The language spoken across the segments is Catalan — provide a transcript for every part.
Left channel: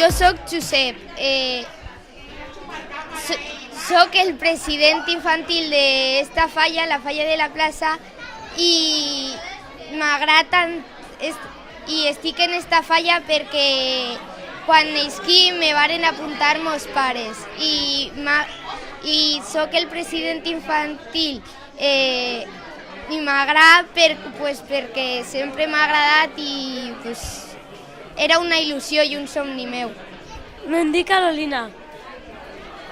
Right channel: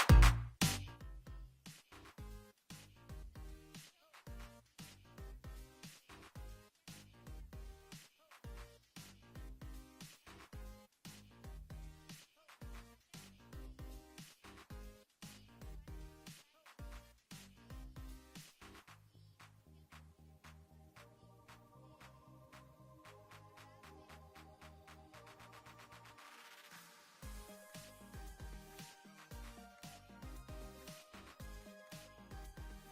Jo sóc Josep, soc el president infantil d'esta falla, la falla de la plaça, i m'agrada tant i estic en esta falla perquè quan neisqui me varen apuntar meus pares i soc el president infantil i m'agrada perquè sempre m'ha agradat i era una il·lusió i un somni meu. Em dic Carolina.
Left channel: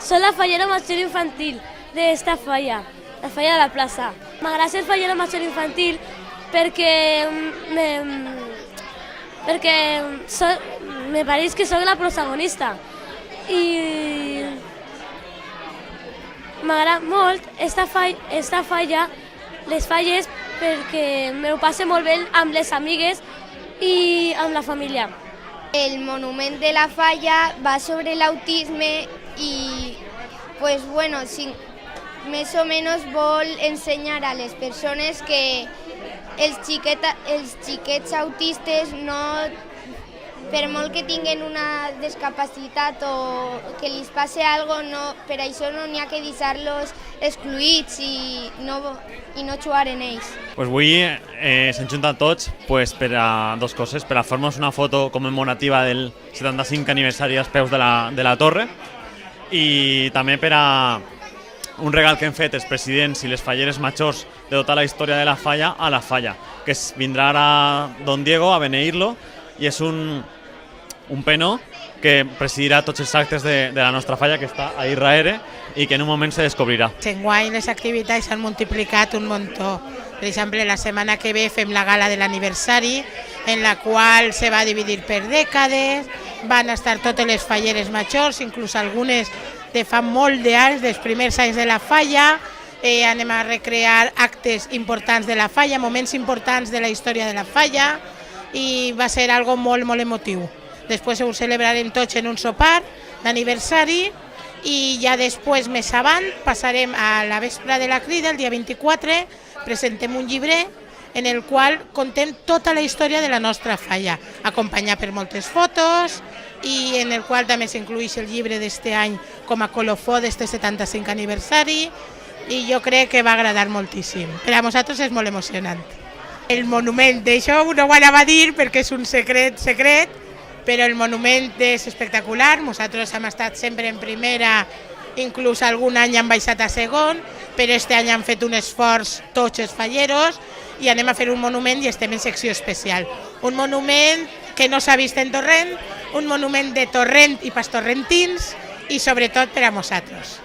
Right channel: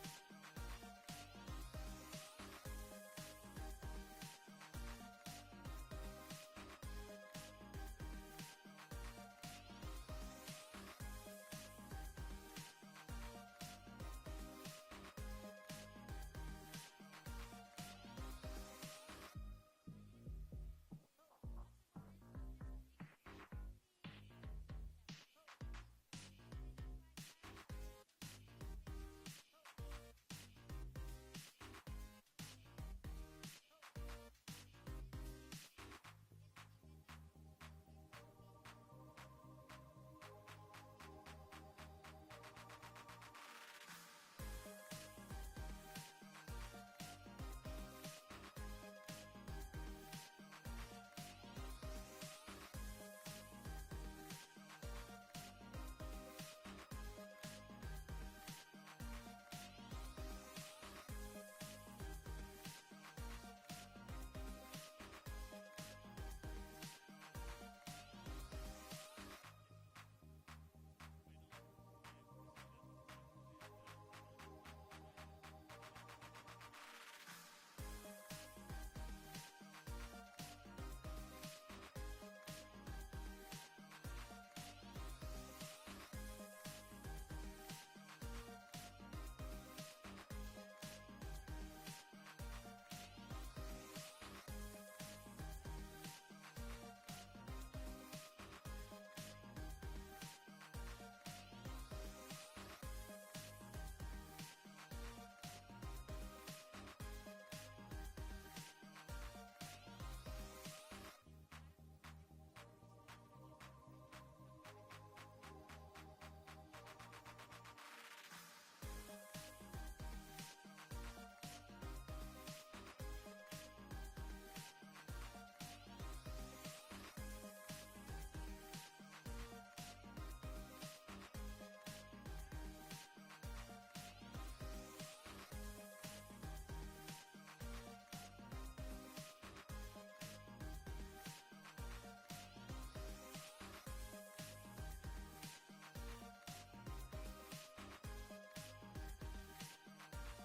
Soy la fallera major infantil d'esta falla, la falla de la plaça. M'agrada ser fallera major infantil perquè me pareix que soc la protagonista. I m'agrada molt esta falla, les falles, perquè m'ho passe molt bé amb les amigues i amb la família. El monument de la falla va sobre l'autisme i més o menys vol ensenyar a les persones que els xiquets autistes per molt que tinguin una discapacitat o que li passi alguna cosa, per això no n'hi ha que deixar-los excluïts i no jugar en ells. Avui s'han juntat tots per a dues coses, per a fer-nos una foto commemorativa del 75 aniversari als peus de la torre i també per a un regal que hem fet els presidents i les falleres majors de tota la història de la falla a la falla, que vindrà ara Don Diego a beneir-lo i és un penó que presidirà tots els actes de la nostra falla, que està a darrere i que en un moment se descobrirà. Enguany les activitats s'han multiplicat un muntó. Per exemple, la setmana que ve fem la gala de l'aniversari, en la qual se va dividir per dècades, van estar totes les falleres majors, inclús algunes de fa molt d'anys, dels primers anys de la falla. Anem a recrear actes importants de la falla, moments importants de la història de la falla, i va ser algo molt, molt emotiu. Després ho celebrarem tots en un sopar d'aniversari i ja després, més avant, passarem a la vespre de la Crida, el dia 24, presentem un llibre en el qual contem tota la història de la nostra falla, acompanyat per moltes fotos i en el qual també s'inclueix el llibre d'este any com a colofó d'este 75 aniversari i jo crec que va agradar moltíssim. Per a nosaltres és molt emocionant. El monument, d'això no ho anava a dir perquè és un secret, però el monument és espectacular. Nosaltres hem estat sempre en primera, inclús algun any han baixat a segon, però este any han fet un esforç tots els falleros i anem a fer un monument i estem en secció especial. Un monument que no s'ha vist en Torrent, un monument de Torrent i pas torrentins i sobretot per a nosaltres.